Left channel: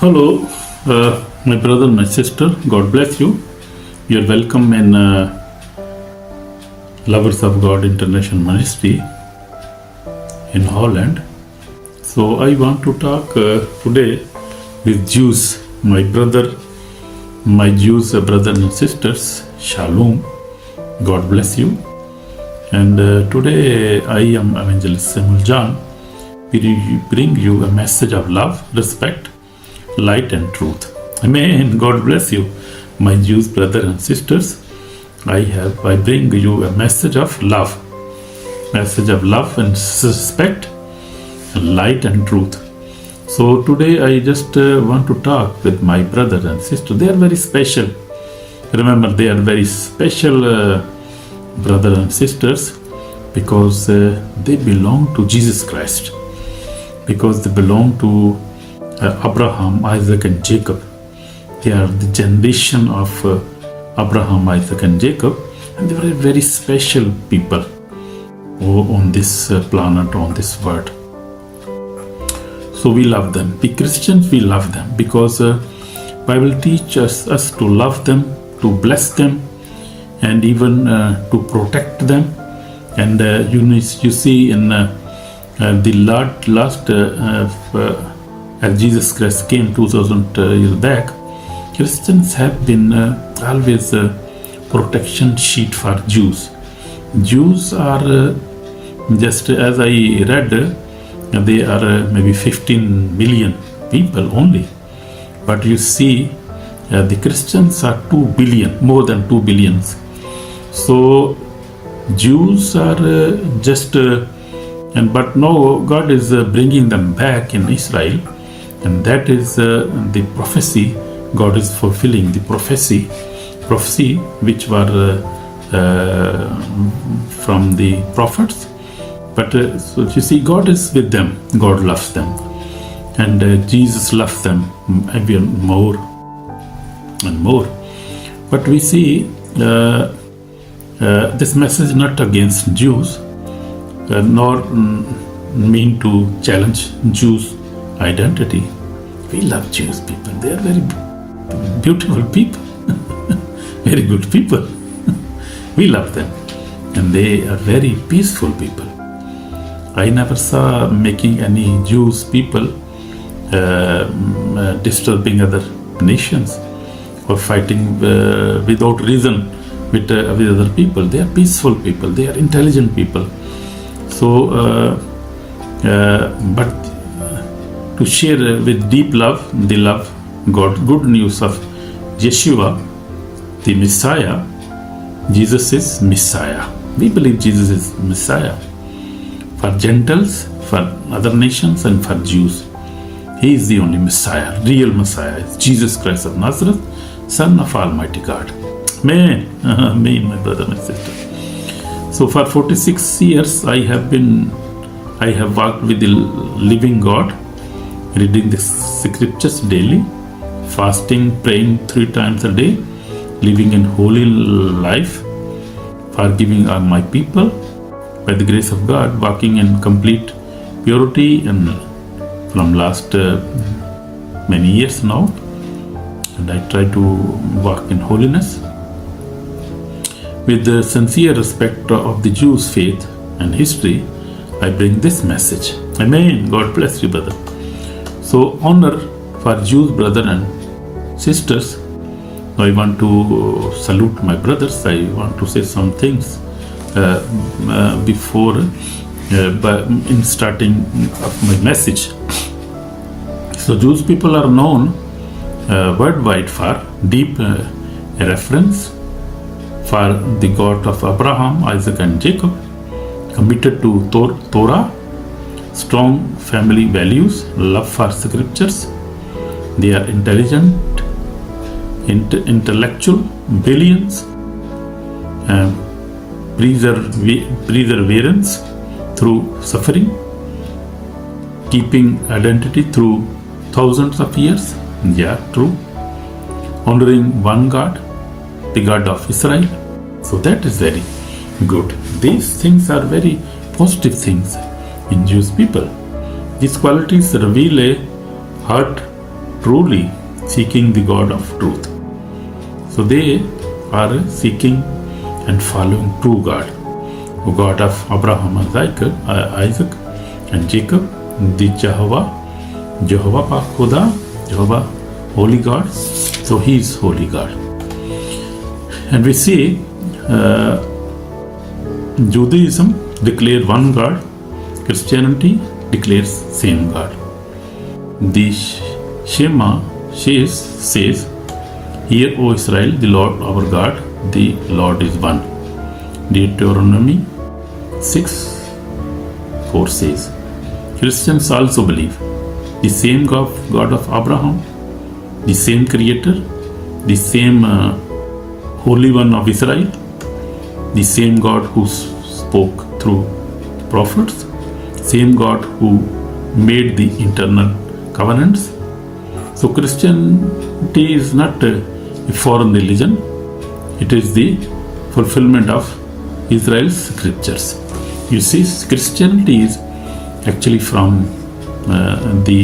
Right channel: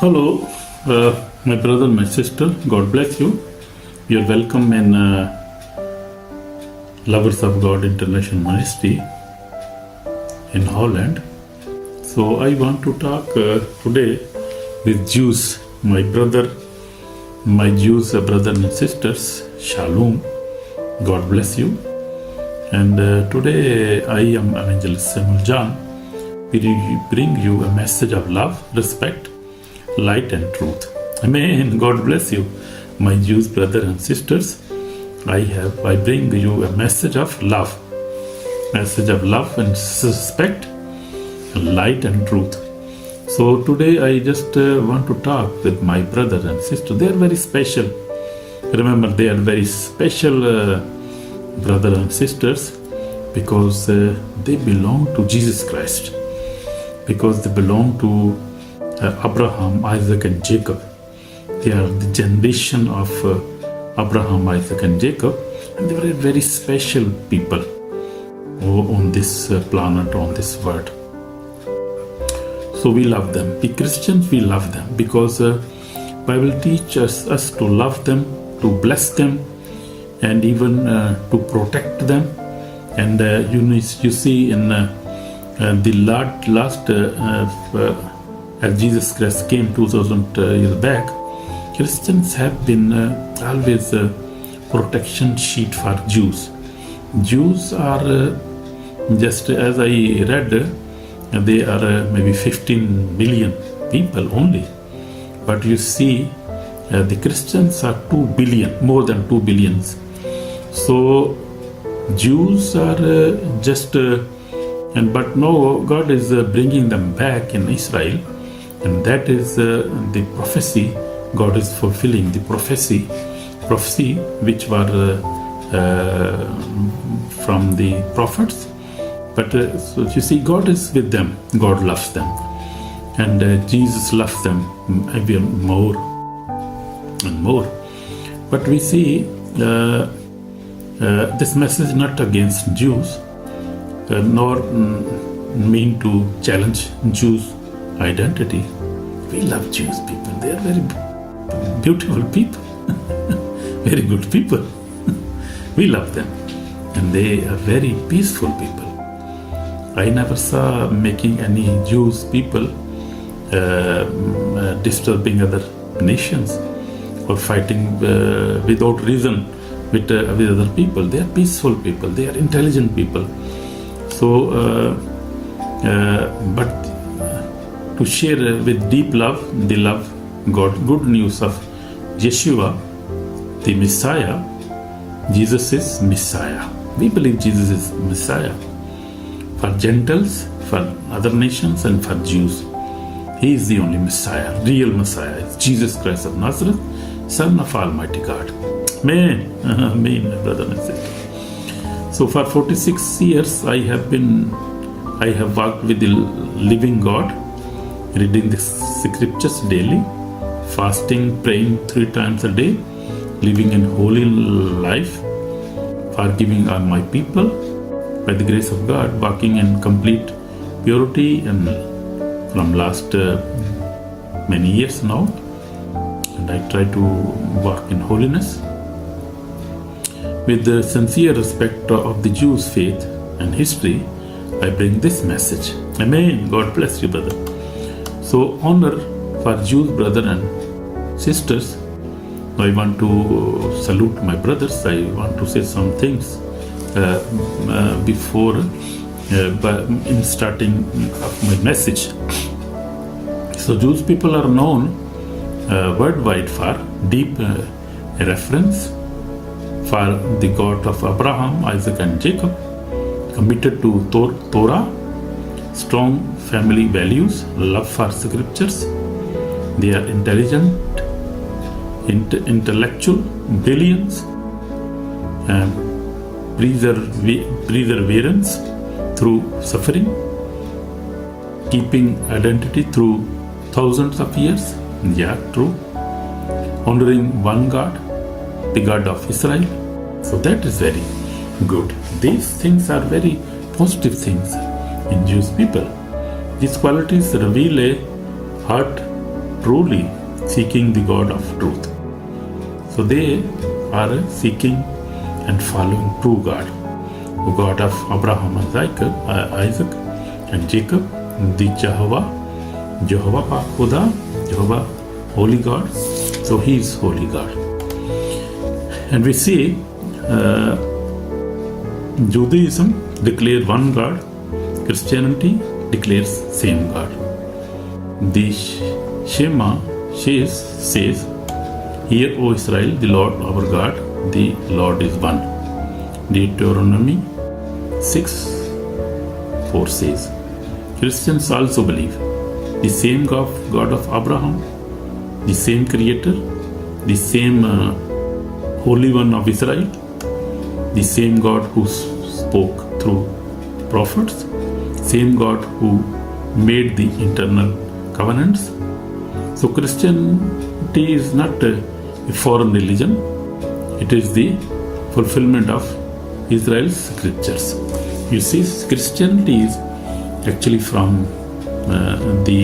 Hello, my brother, my sister. God bless you. You are welcome in Lovers of God International Ministry in Holland. So I want to talk today with Jews, my Jews brothers and sisters. Shalom. God bless you. And today I am Evangelist Samuel John. We bring you a message of love, respect, light and truth. Amen. God bless you, my Jews brothers and sisters. I bring you a message of love and respect, light and truth. So today I just want to talk with my brothers and sisters. They are very special. Remember, they are very special brothers and sisters because they belong to Jesus Christ. Because they belong to Abraham, Isaac and Jacob. They are the generation of Abraham, Isaac and Jacob, and they were very special people on this planet, on this world. So we love them. We Christians, we love them because Bible teaches us to love them, to bless them, and even to protect them. And you see in the last as Jesus Christ came 2000 years back, Christians have been always a protection sheet for Jews. Jews are just as I read, they are maybe 15 million people only. But you see, the Christians are 2 billion, more than 2 billions. So Jews are but now God is bringing them back in Israel. And that is the prophecy God is fulfilling, the prophecy which were from the prophets. But so you see, God is with them, God loves them, and Jesus loves them even more and more. But we see this message not against Jews, nor mean to challenge Jews' identity. We love Jewish people. They are very beautiful people, very good people. We love them, and they are very peaceful people. I never saw making any Jewish people disturbing other nations or fighting without reason with other people. They are peaceful people. They are intelligent people. So, but to share with deep love, they love God. Good news of Yeshua, the Messiah. Jesus is Messiah. We believe Jesus is Messiah for Gentiles, for other nations, and for Jews. He is the only Messiah, real Messiah. It's Jesus Christ of Nazareth, Son of Almighty God. Amen. Amen, my brother, my sister. So for 46 years, I have walked with the living God, reading the scriptures daily, fasting, praying 3 times a day, living in holy life, forgiving all my people, by the grace of God, walking in complete purity and from last many years now. And I try to walk in holiness. With the sincere respect of the Jews' faith and history, I bring this message. Amen. God bless you, brother. So, honor for Jews, brothers and sisters. I want to salute my brothers. I want to say some things before in starting of my message. So, Jewish people are known worldwide for deep reference for the God of Abraham, Isaac and Jacob, committed to Torah, strong family values, love for scriptures. They are intelligent, intellectual, billions, perseverance through suffering, keeping identity through thousands of years. Yeah, true. Honoring one God, the God of Israel. So that is very good. These things are very positive things in Jewish people. These qualities reveal a heart truly seeking the God of truth. So they are seeking and following true God, the God of Abraham, Isaac and Jacob, the Jehovah Pak Khuda, Jehovah Holy God. So He is Holy God. And we see Judaism declares one God, Christianity declares same God. The Shema says, "Hear, O Israel, the Lord our God, the Lord is one." Deuteronomy 6:4 says. Christians also believe the same God of Abraham, the same Creator, the same Holy One of Israel, the same God who spoke through prophets, same God who made the internal covenants. So Christianity is not a foreign religion. It is the fulfillment of Israel's scriptures. You see, Christianity is actually from the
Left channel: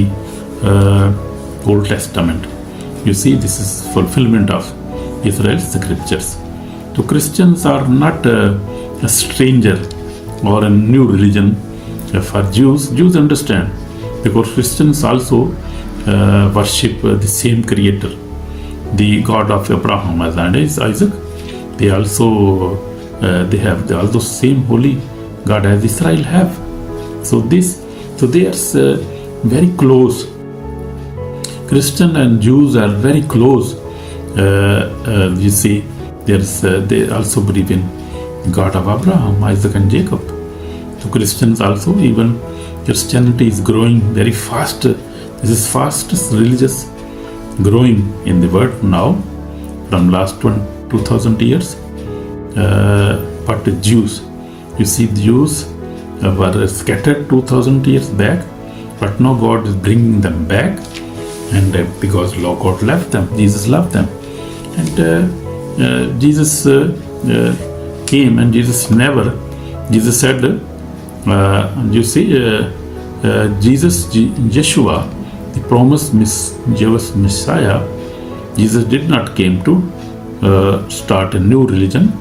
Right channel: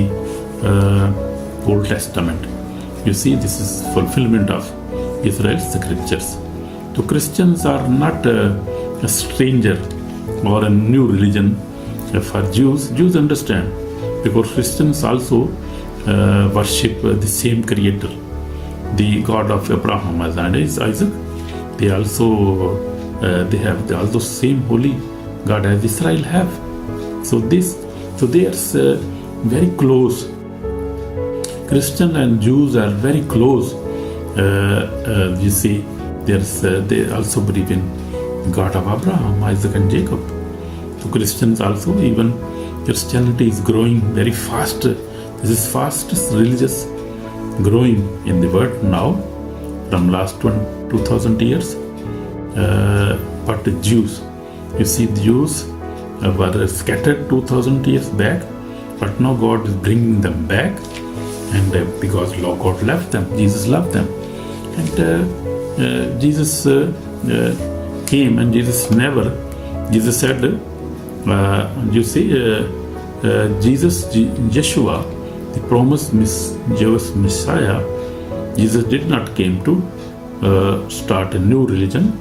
Old Testament. You see, this is fulfillment of Israel's scriptures. So Christians are not a stranger or a new religion for Jews. Jews understand, because Christians also worship the same Creator, the God of Abraham and Isaac. They also they have the same holy God as Israel have. So they are very close. Christian and Jews are very close. You see, they also believe in God of Abraham, Isaac and Jacob. So Christians also, even Christianity is growing very fast. This is fastest religious growing in the world now from last 2000 years. But the Jews, you see, the Jews were scattered 2000 years back, but now God is bringing them back, and because God left them, Jesus loved them, and Jesus came, and Jesus said, you see, Yeshua, the promised Jewish Messiah, Jesus did not came to start a new religion.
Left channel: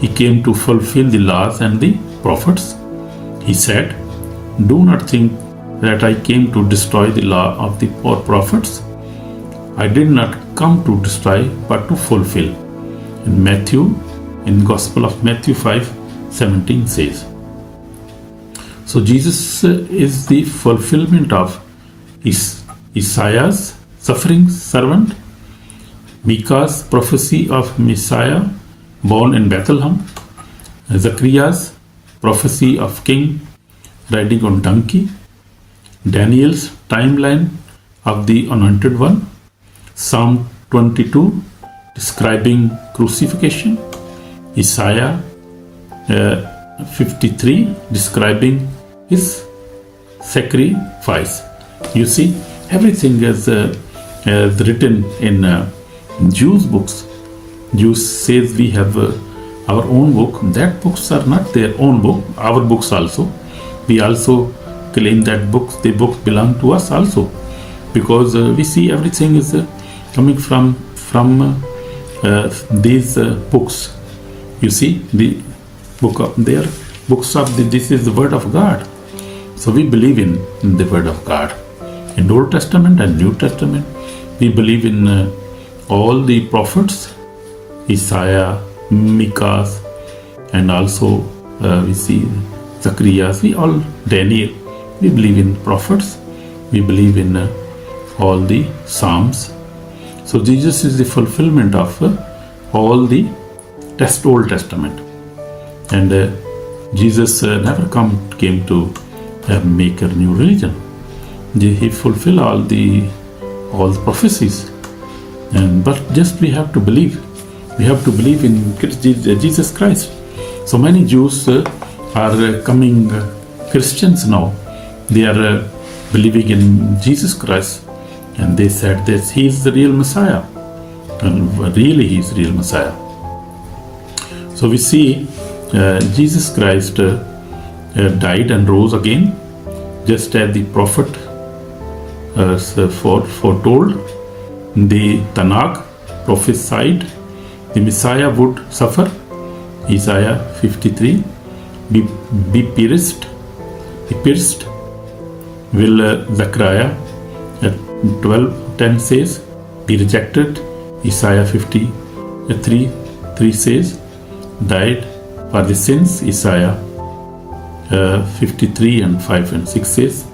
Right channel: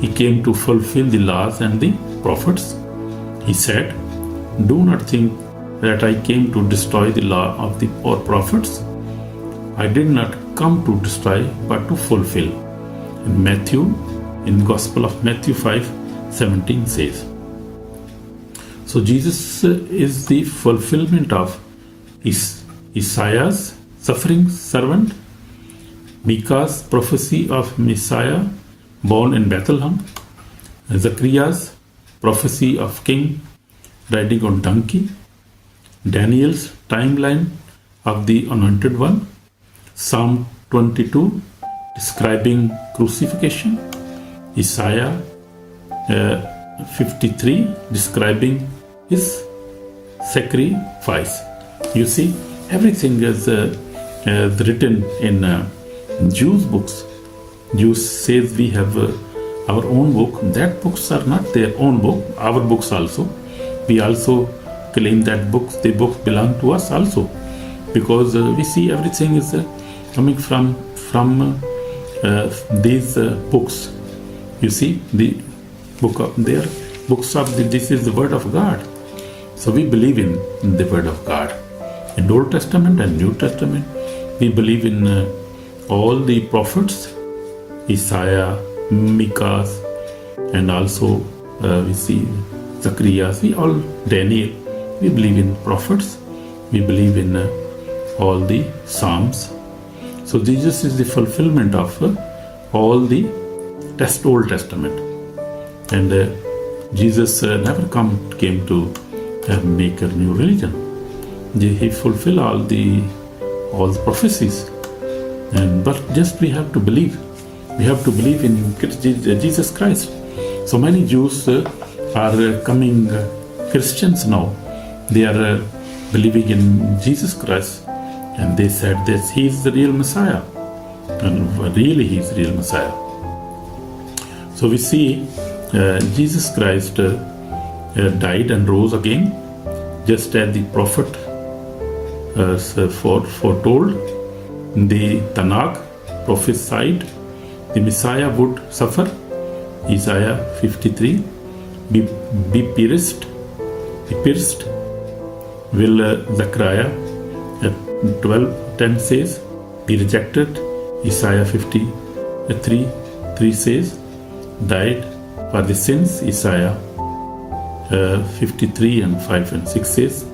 He came to fulfill the laws and the prophets. He said, "Do not think that I came to destroy the law of the prophets. I did not come to destroy, but to fulfill." In Gospel of Matthew 5:17 says. So Jesus is the fulfillment of Isaiah's suffering servant, Micah's prophecy of Messiah born in Bethlehem, Zechariah's prophecy of king riding on donkey, Daniel's timeline of the anointed one, Psalm 22 describing crucifixion, Isaiah 53 describing his sacrifice. You see, everything is written in Jews' books. Jews says we have our own book. That books are not their own book. Our books also. We also claim that the books belong to us also, because we see everything is coming from these books. You see, the book of their books of this is the word of God. So we believe in the word of God. In Old Testament and New Testament, we believe in all the prophets, Isaiah, Micah, and also we see Zechariah. Daniel. We believe in prophets. We believe in all the Psalms. So Jesus is the fulfillment of all the Old Testament, and Jesus never came to make a new religion. He fulfilled all the prophecies, but just we have to believe. We have to believe in Jesus Christ. So many Jews are coming Christians now. They are believing in Jesus Christ, and they said that He is the real Messiah, and really He is the real Messiah. So we see Jesus Christ died and rose again, just as the prophet foretold. The Tanakh prophesied the Messiah would suffer. Isaiah 53, be pierced. Will Zechariah 12:10 says, be rejected. Isaiah 53:3 says, died for the sins. Isaiah 53 and 5 and 6 says,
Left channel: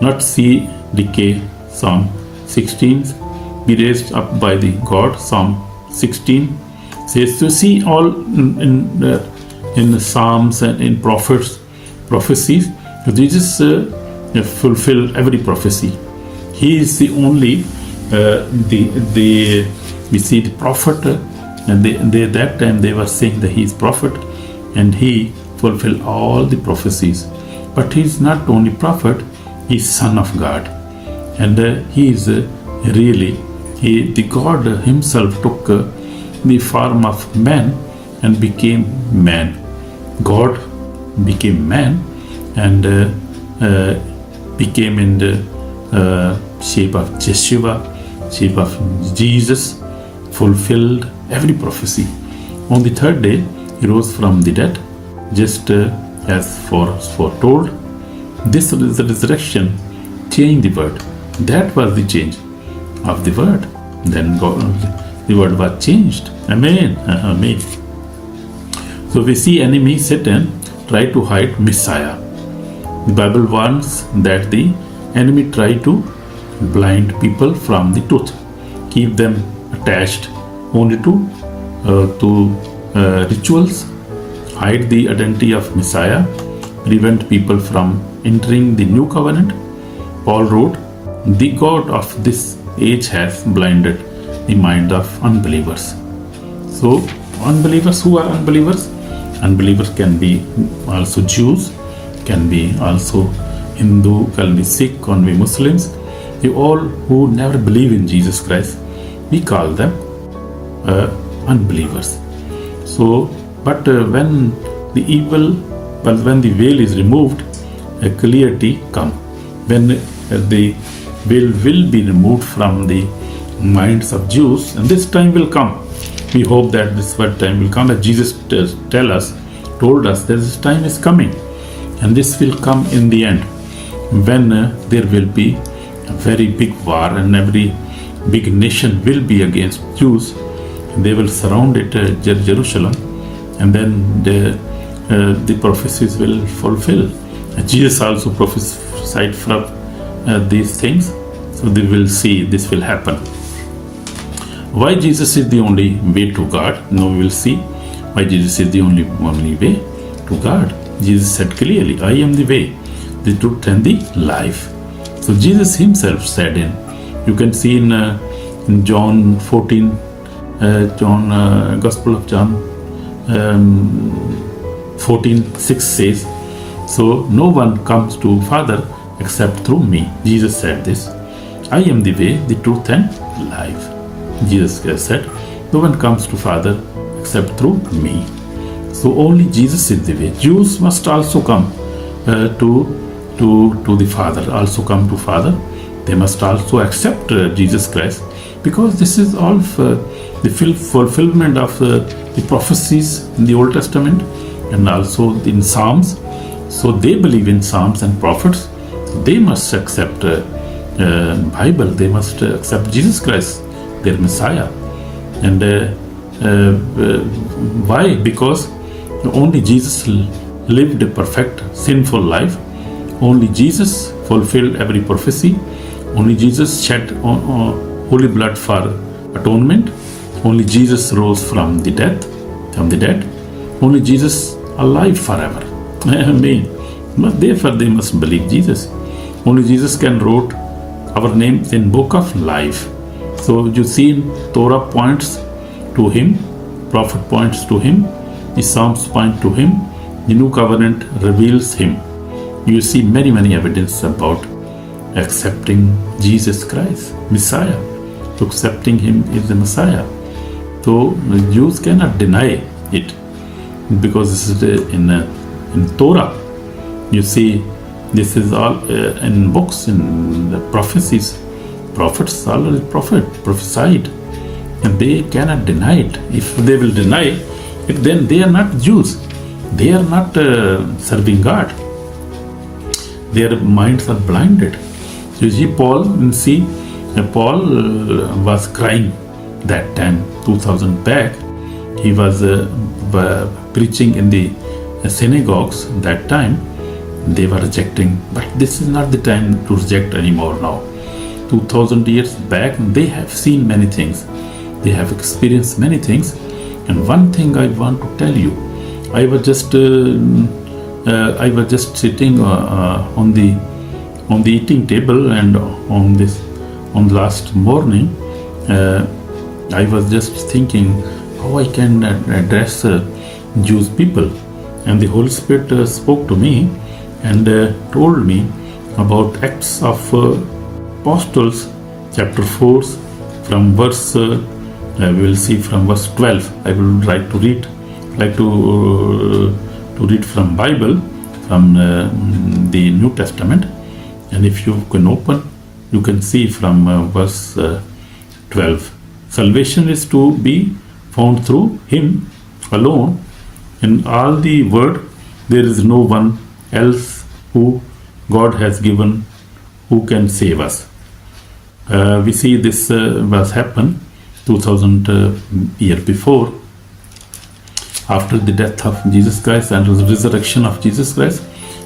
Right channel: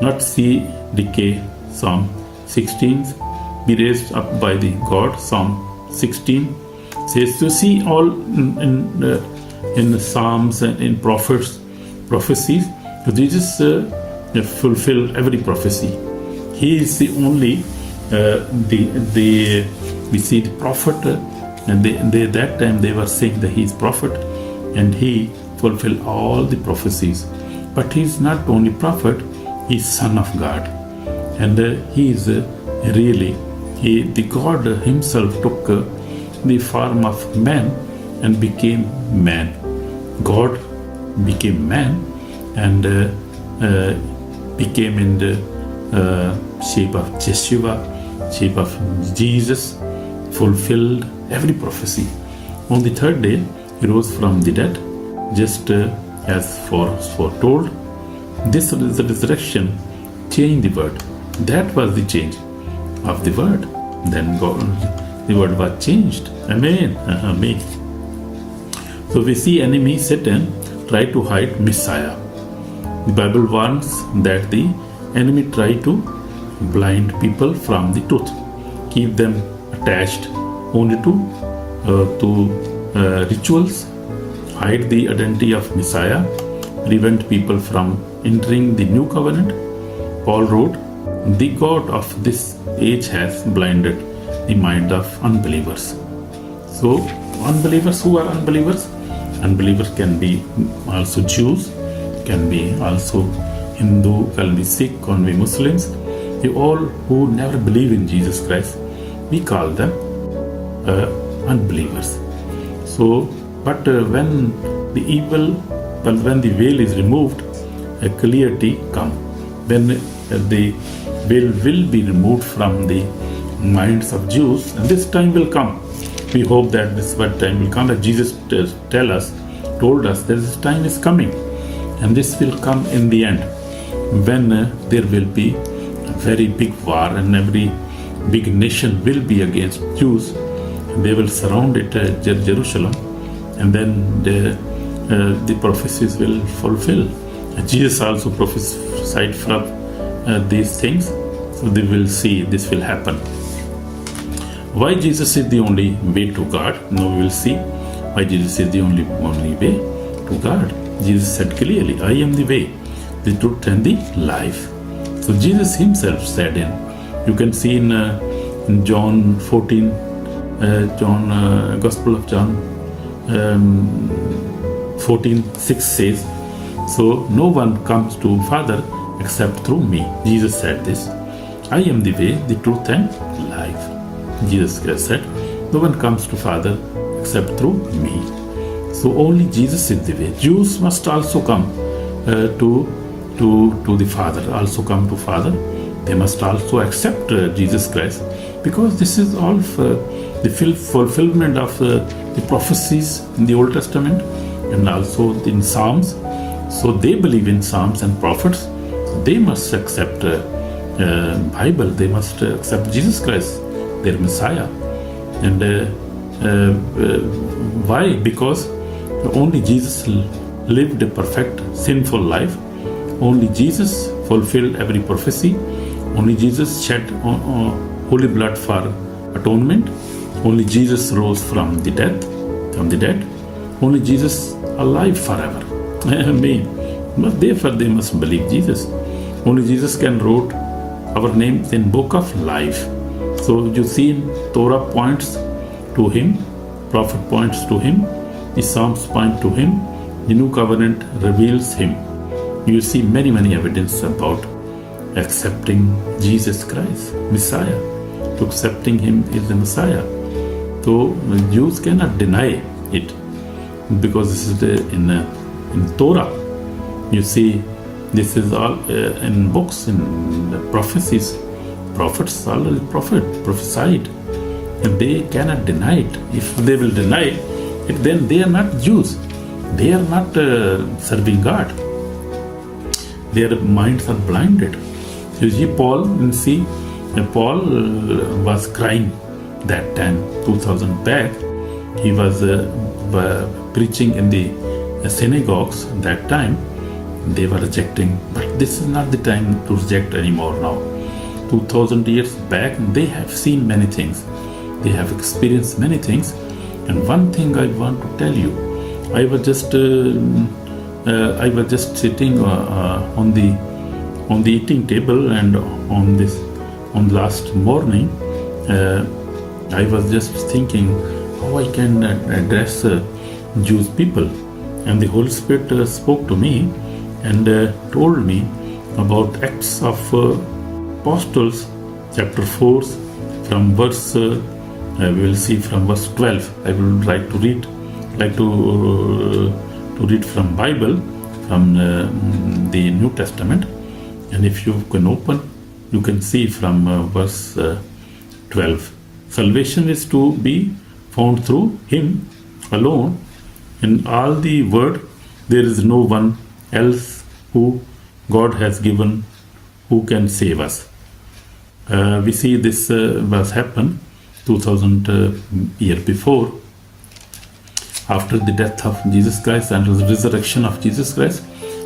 not see decay. Psalm 16, be raised up by the God. Psalm 16 says, to see all in Psalms and in prophecies, Jesus fulfill every prophecy. He is the only we see the prophet, and they that time they were saying that he is prophet, and he fulfilled all the prophecies. But he is not only prophet, he is son of God, and he is the God himself took the form of man and became man. God became man and became in the shape of Yeshua, shape of Jesus, fulfilled every prophecy. On the third day, he rose from the dead, just as foretold. This resurrection changed the world. That was the change of the word. Then the word was changed. Amen. Amen. So we see enemy Satan try to hide Messiah. The Bible warns that the enemy try to blind people from the truth, keep them attached only to rituals, hide the identity of Messiah, prevent people from entering the new covenant. Paul wrote, the God of this age has blinded the mind of unbelievers. So unbelievers, who are unbelievers? Unbelievers can be also Jews, can be also Hindu, can be Sikh, can be Muslims. They all who never believe in Jesus Christ, we call them unbelievers. So, but when the veil is removed, a clarity comes. When the veil will be removed from the minds of Jews, and this time will come. We hope that this time will come. As Jesus told us that this time is coming, and this will come in the end, when there will be a very big war, and every big nation will be against Jews. They will surround it, Jerusalem, and then the prophecies will fulfill. And Jesus also prophesied from these things, so they will see this will happen. Why Jesus is the only way to God? Now we will see why Jesus is the only way to God. Jesus said clearly, I am the way, the truth and the life. So Jesus himself said you can see in John 14, Gospel of John 14:6 says, so no one comes to Father except through me. Jesus said this, I am the way, the truth and life. Jesus said, no one comes to Father except through me. So only Jesus is the way. Jews must also come to the Father, also come to Father. They must also accept Jesus Christ, because this is all the fulfillment of the prophecies in the Old Testament and also in Psalms. So they believe in Psalms and prophets. They must accept Bible. They must accept Jesus Christ, their Messiah. And why? Because only Jesus lived a perfect, sinful life. Only Jesus fulfilled every prophecy. Only Jesus shed holy blood for atonement. Only Jesus rose from the dead. Only Jesus alive forever. Amen. Therefore they must believe Jesus. Only Jesus can write our names in book of life. So you see, Torah points to him, prophet points to him, the Psalms point to him, the new covenant reveals him. You see many evidence about accepting Jesus Christ, Messiah. So accepting him is the Messiah. So Jews cannot deny it, because this is in Torah. You see, this is all in books, in prophecies. prophets always prophesied, and they cannot deny it. If they will deny it, then they are not Jews. They are not serving God. Their minds are blinded. You see, Paul was crying that time, 2000 back. He was preaching in the synagogues that time. They were rejecting, but this is not the time to reject anymore now. 2000 years back, they have seen many things. They have experienced many things. And one thing I want to tell you, I was just sitting on the eating table, and on last morning, I was just thinking how I can address Jewish people, and the Holy Spirit spoke to me and told me about Acts of Apostles, chapter 4, from verse. We will see from verse 12. I will try to read. To read from Bible, from the New Testament, and if you can open, you can see from verse 12. Salvation is to be found through Him alone. In all the world, there is no one else who God has given who can save us. We see this was happened 2000 years before, after the death of Jesus Christ and the resurrection of Jesus Christ,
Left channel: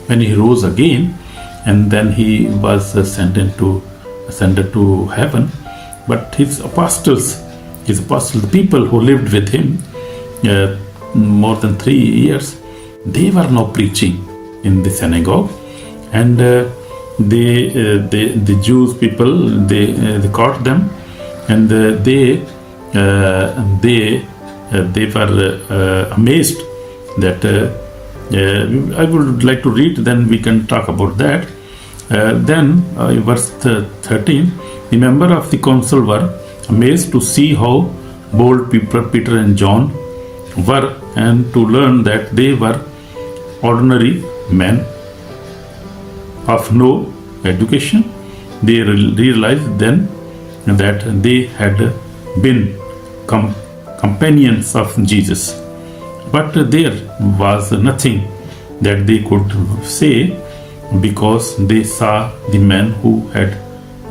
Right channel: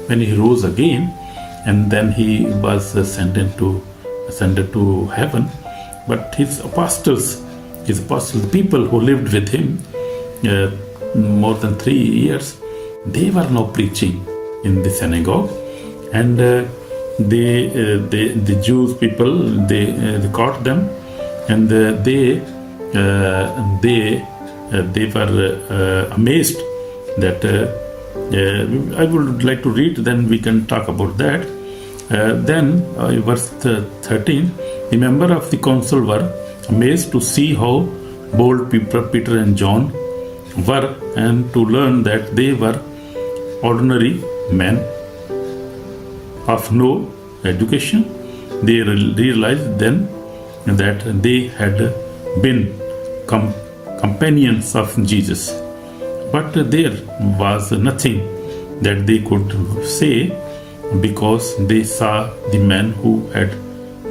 when He rose again, and then He was ascended to heaven. But His apostles, the people who lived with Him more than 3 years, they were now preaching in the synagogue, and the Jews people, they caught them, and they were amazed that I would like to read, then we can talk about that. Then verse 13, the members of the council were amazed to see how bold Peter and John were, and to learn that they were ordinary men of no education. They realized then that they had been companions of Jesus, but there was nothing that they could say, because they saw the man who had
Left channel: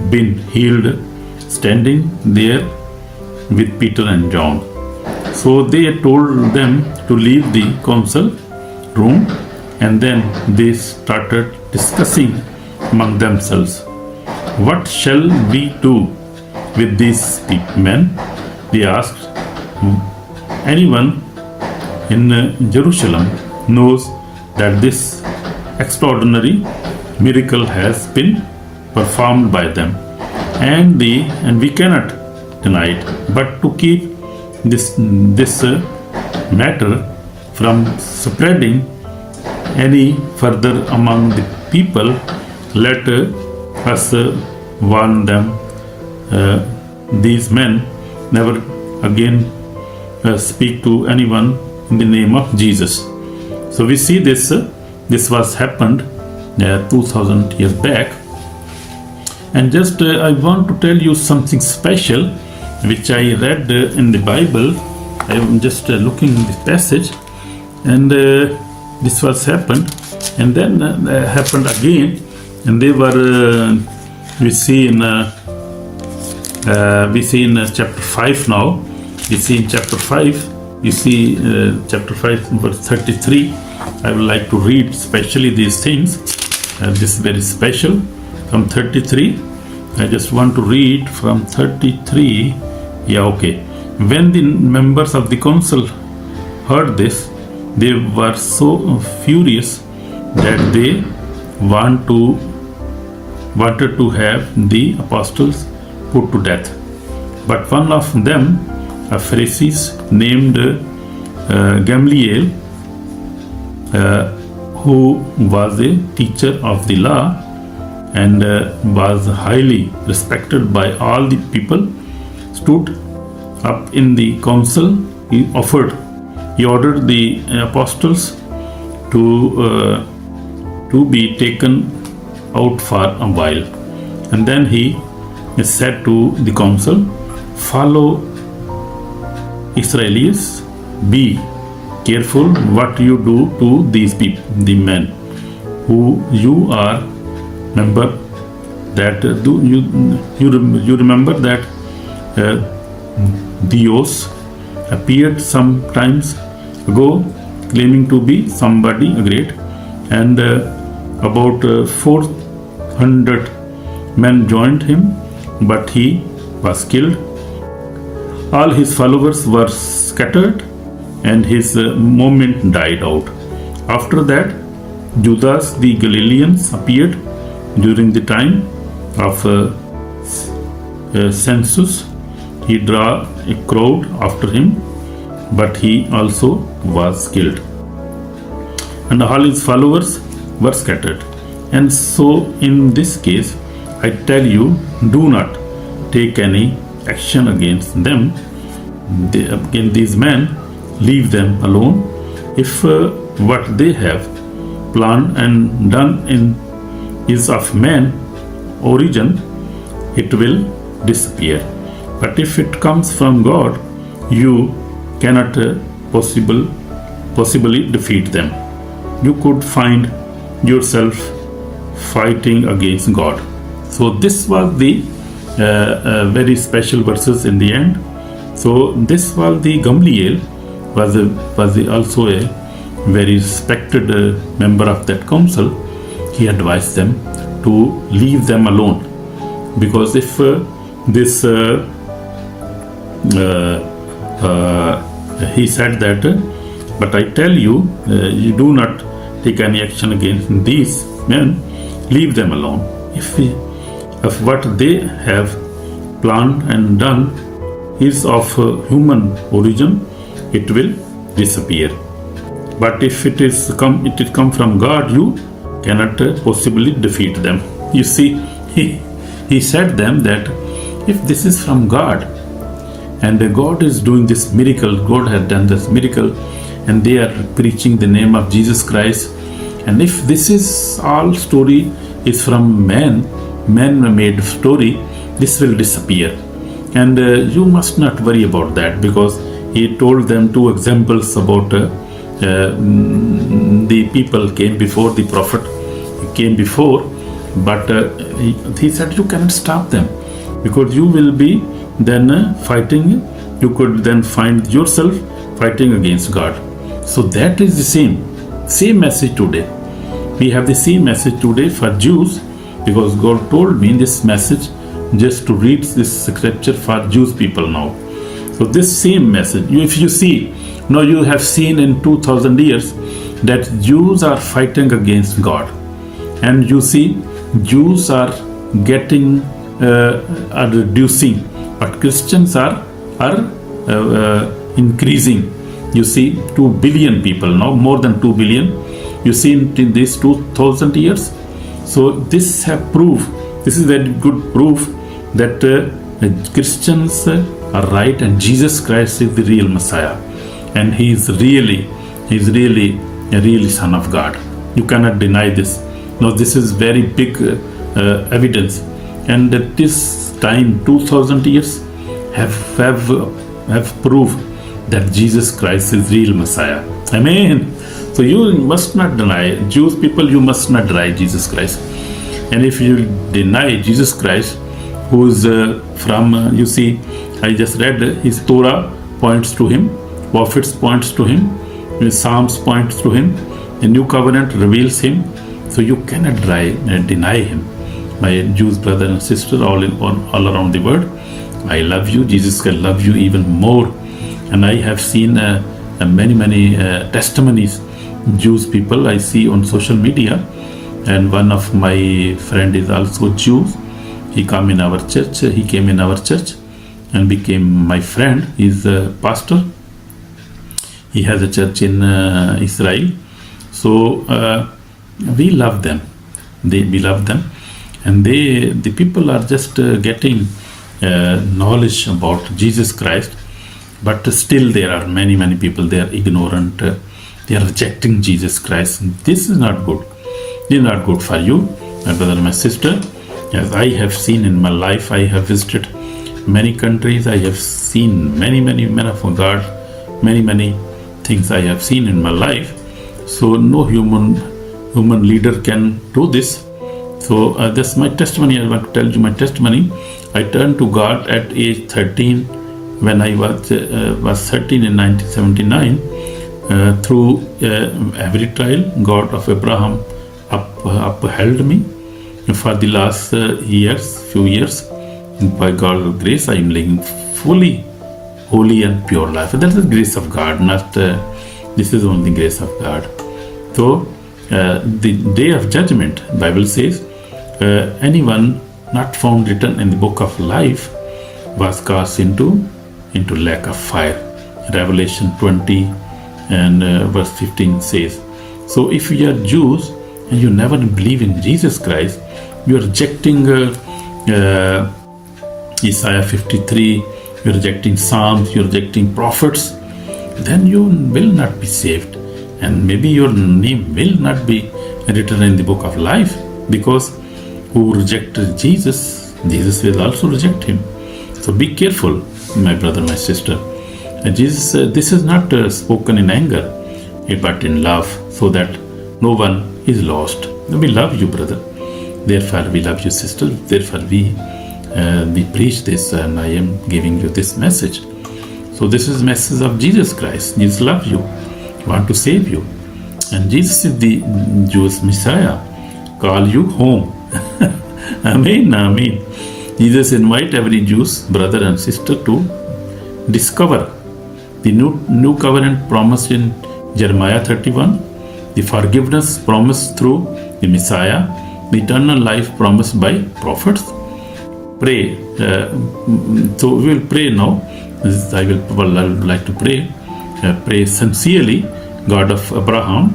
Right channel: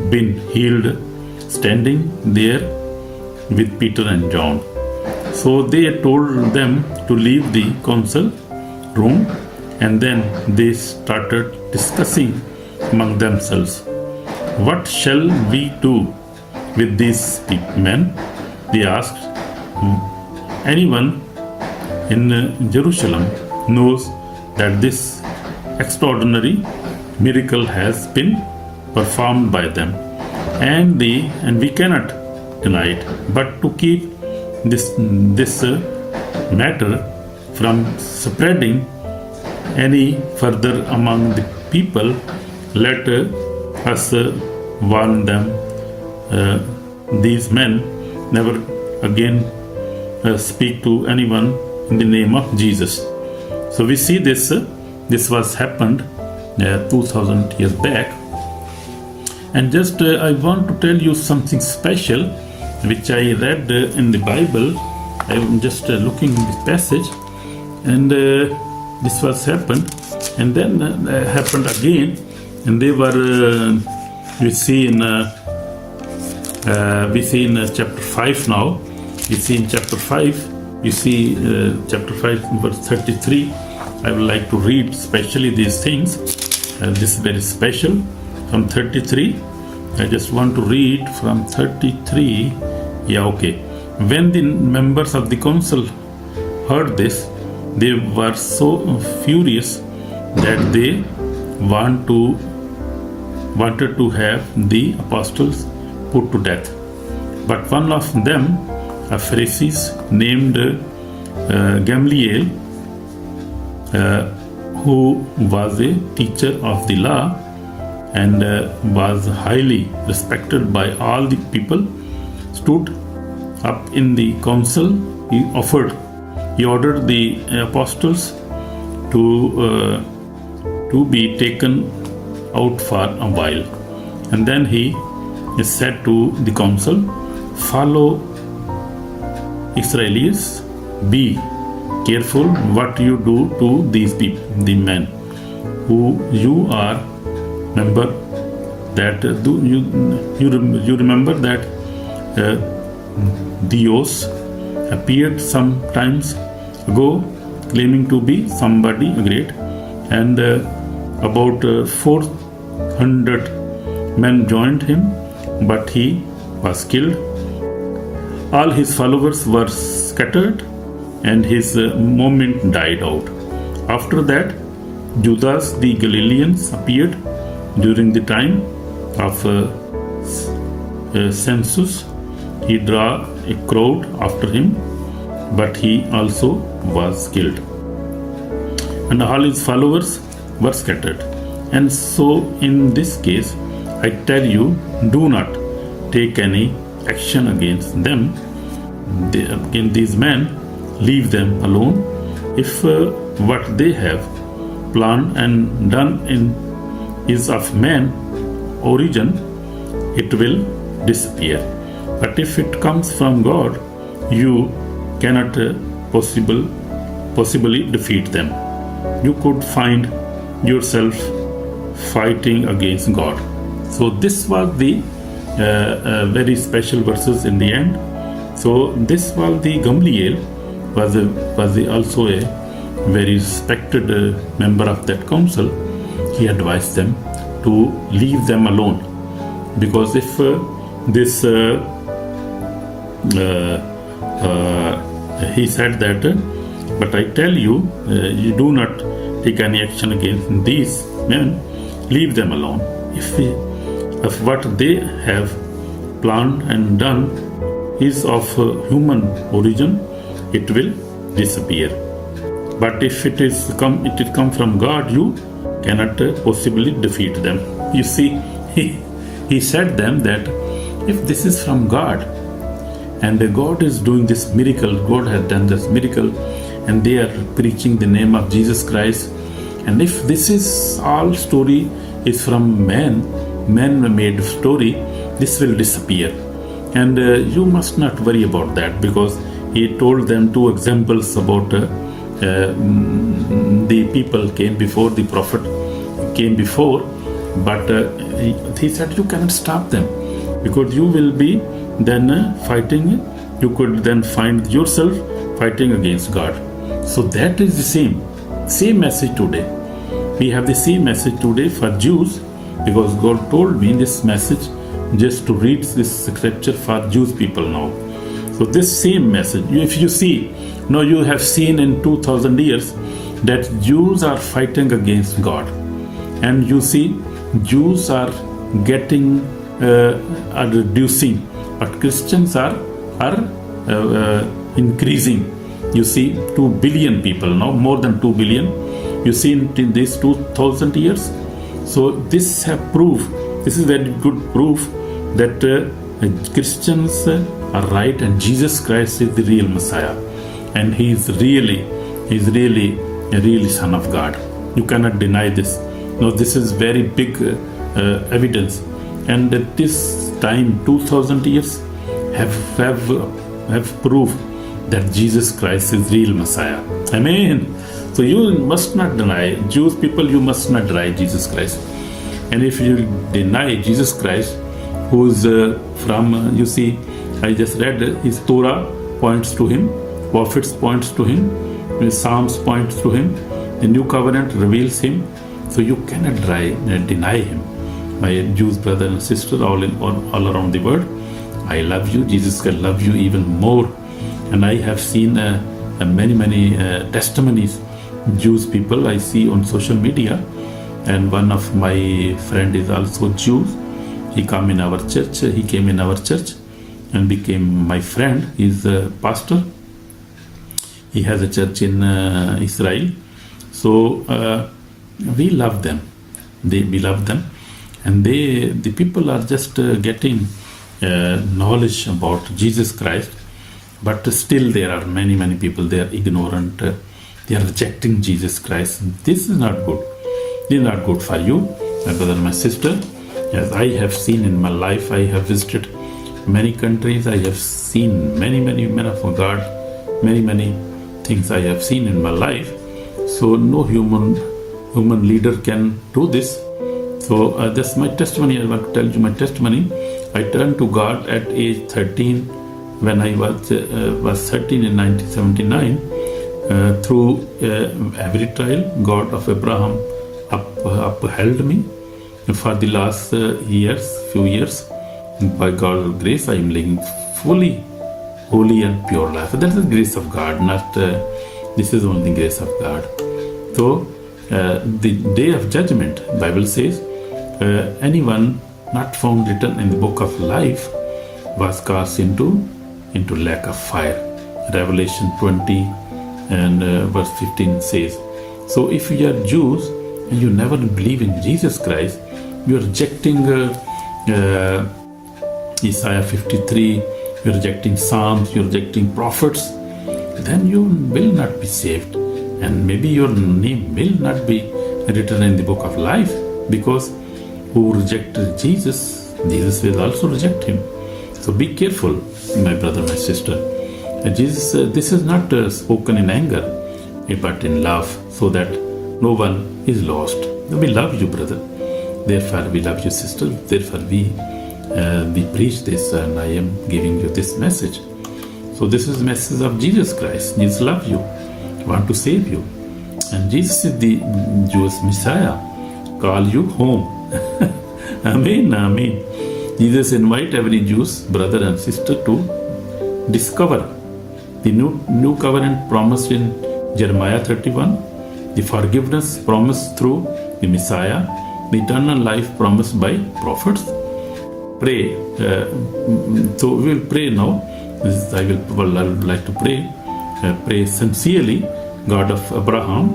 been healed standing there with Peter and John. So they told them to leave the council room, and then they started discussing among themselves, "What shall we do with these men?" They asked. Anyone in Jerusalem knows that this extraordinary miracle has been performed by them, and we cannot deny it. But to keep this matter from spreading any further among the people, let us warn them. These men never again speak to anyone in the name of Jesus. So we see this was happened 2000 years back. And just I want to tell you something special which I read in the Bible. I am just looking at this passage, and this was happened, and then happened again, and they were we see in chapter 5 now. We see in chapter 5, you see chapter 5 verse 33. I would like to read especially these things. This is very special. From 33, I just want to read from 33. Yeah, okay. When the members of the council heard this, they were so furious that they wanted to have the apostles put to death. But one of them, a Pharisee named Gamaliel, who was a teacher of the law and was highly respected by all the people, stood up in the council. He ordered the apostles to be taken out for a while, and then he said to the council, "Follow Israelis, be careful what you do to these people, the men who you are. Remember that you remember that Dios appeared some times ago, claiming to be somebody great, and about 400 men joined him, but he was killed. All his followers were scattered, and his movement died out. After that, Judas the Galilean appeared during the time of census. He drew a crowd after him, but he also was killed, and all his followers were scattered. And so in this case, I tell you, do not take any action against them. Against these men, leave them alone. If what they have planned and done is of man origin, it will disappear. But if it comes from God, you cannot possibly defeat them. You could find yourself fighting against God. So this was the very special verses in the end. So this was the Gamliel was also a very respected member of that council. He advised them to leave them alone, because if he said that, but I tell you, you do not take any action against these men, leave them alone. If what they have planned and done is of human origin, it will disappear. But if it come from God, you cannot possibly defeat them. You see, he said them that if this is from God, and God is doing this miracle, God has done this miracle, and they are preaching the name of Jesus Christ, and if this is all story is from man-made story, this will disappear. And you must not worry about that, because he told them two examples about the people came before, the prophet came before, but he said you cannot stop them, because you will be then fighting, you could then find yourself fighting against God. So that is the same message today. We have the same message today for Jews, because God told me this message just to read this scripture for Jews people now. So this same message, if you see, now you have seen in 2000 years that Jews are fighting against God, and you see Jews are getting are reducing, but Christians are increasing. You see 2 billion people now, more than 2 billion. You see in these 2000 years. So this have proof. This is very good proof that Christians are right, and Jesus Christ is the real Messiah, and He is really a real Son of God. You cannot deny this. Now this is very big evidence, and at this time 2000 years have proved that Jesus Christ is real Messiah. Amen. So you must not deny, Jewish people, you must not deny Jesus Christ. And if you deny Jesus Christ, who is you see, I just read his Torah points to him, prophets points to him, his Psalms points to him, the New Covenant reveals him. So you cannot deny him. My Jewish brother and sister all around the world, I love you. Jesus can love you even more. And I have seen many testimonies, Jewish people I see on social media. And one of my friend is also Jew. He came in our church and became my friend. He's a pastor. He has a church in Israel. So we love them. We love them, and the people are just getting knowledge about Jesus Christ. But still, there are many people. They are ignorant. They are rejecting Jesus Christ. This is not good. This is not good for you, my brother, my sister. As I have seen in my life, I have visited many countries, I have seen many men of God, many things I have seen in my life. So no human leader can do this. So that's my testimony. I want to tell you my testimony. I turned to God at age 13 when I was 13 in 1979. Through every trial, God of Abraham upheld me. For the last few years, by God's grace, I am living fully holy and pure life. That is the grace of God, not this is only the grace of God. So the day of judgment, Bible says, anyone not found written in the book of life was cast into lake of fire. Revelation 20 and verse 15 says. So if you are Jews and you never believe in Jesus Christ, you are rejecting Isaiah 53, you are rejecting Psalms, you are rejecting prophets, then you will not be saved. And maybe your name will not be written in the book of life, because who rejected Jesus, Jesus will also reject him. So be careful, my brother, my sister. Jesus, this is not spoken in anger, but in love, so that no one is lost. We love you, brother. Therefore, we love you, sister. Therefore, we preach this, and I am giving you this message. So this is the message of Jesus Christ. Jesus loves you, want to save you. And Jesus is the Jewish Messiah. Call you home. Amen, amen. Jesus invite every Jewish brother and sister to discover the new covenant promised in Jeremiah 31, the forgiveness promised through the Messiah, the eternal life promised by prophets. Pray. So we will pray now. I would like to pray. Pray sincerely, God of Abraham.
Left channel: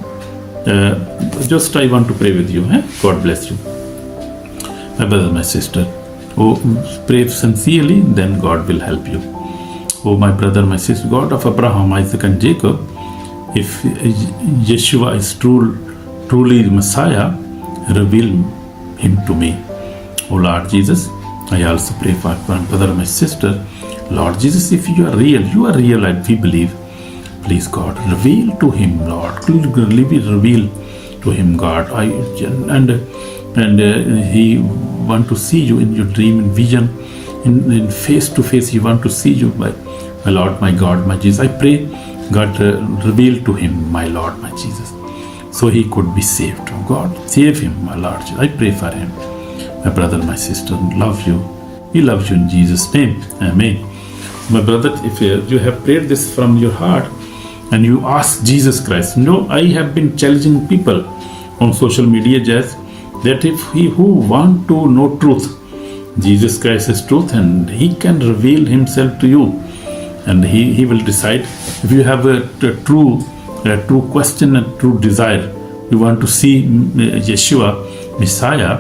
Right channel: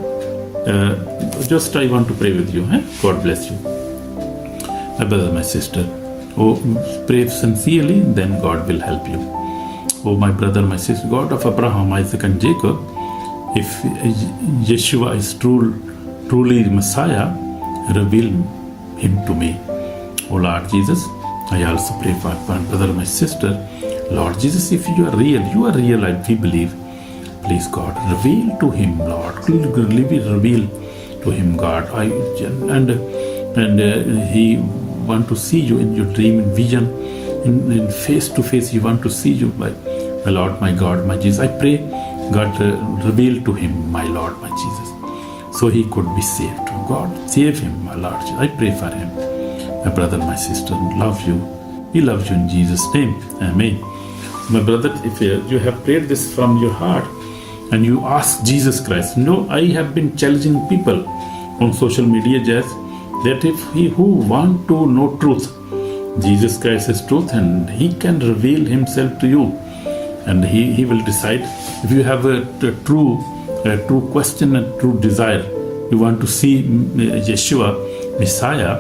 Just I want to pray with you. God bless you. My brother, my sister. Pray sincerely, then God will help you. Oh, my brother, my sister, God of Abraham, Isaac, and Jacob, if Yeshua is truly the Messiah, reveal him to me. Oh, Lord Jesus, I also pray for my brother, my sister. Lord Jesus, if you are real, and we believe. Please, God, reveal to him, Lord. Reveal to him, God. He want to see you in your dream and vision, in face to face. He want to see you, my Lord, my God, my Jesus. I pray, God, reveal to him, my Lord, my Jesus, so he could be saved. God, save him, my Lord. I pray for him. My brother, my sister, love you. We love you in Jesus' name. Amen. My brother, if you have prayed this from your heart and you ask Jesus Christ, I have been challenging people on social media just that if who want to know truth, Jesus Christ is truth, and he can reveal himself to you, and he will decide. If you have a true question, a true desire, you want to see Yeshua, Messiah,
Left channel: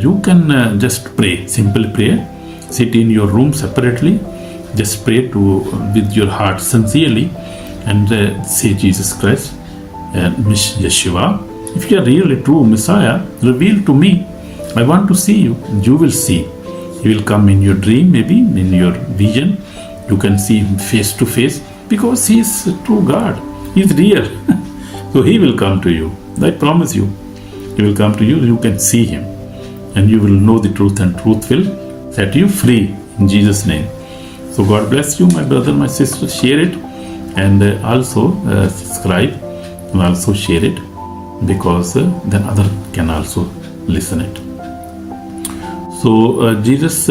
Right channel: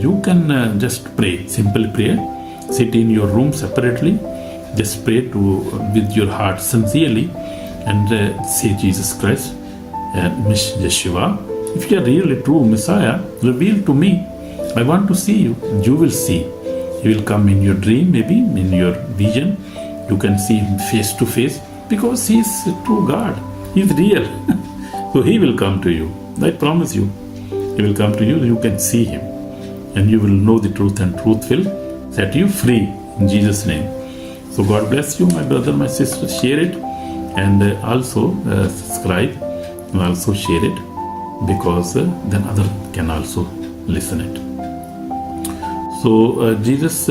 you can just pray, simple prayer. Sit in your room separately, just pray with your heart sincerely, and say, Jesus Christ, Yeshua, if you are really true Messiah, reveal to me. I want to see you. You will see. He will come in your dream, maybe in your vision. You can see him face to face, because he is a true God. He is real. So he will come to you. I promise you. He will come to you. You can see him, and you will know the truth, and truth will set you free in Jesus' name. So God bless you, my brother, my sister. Share it, and also subscribe, and also share it, because then other can also listen it. So Jesus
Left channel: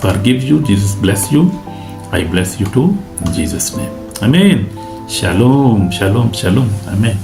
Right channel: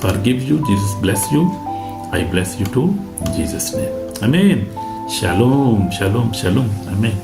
forgive you, Jesus bless you, I bless you too, in Jesus' name. Amen. Shalom, shalom, shalom. Amen.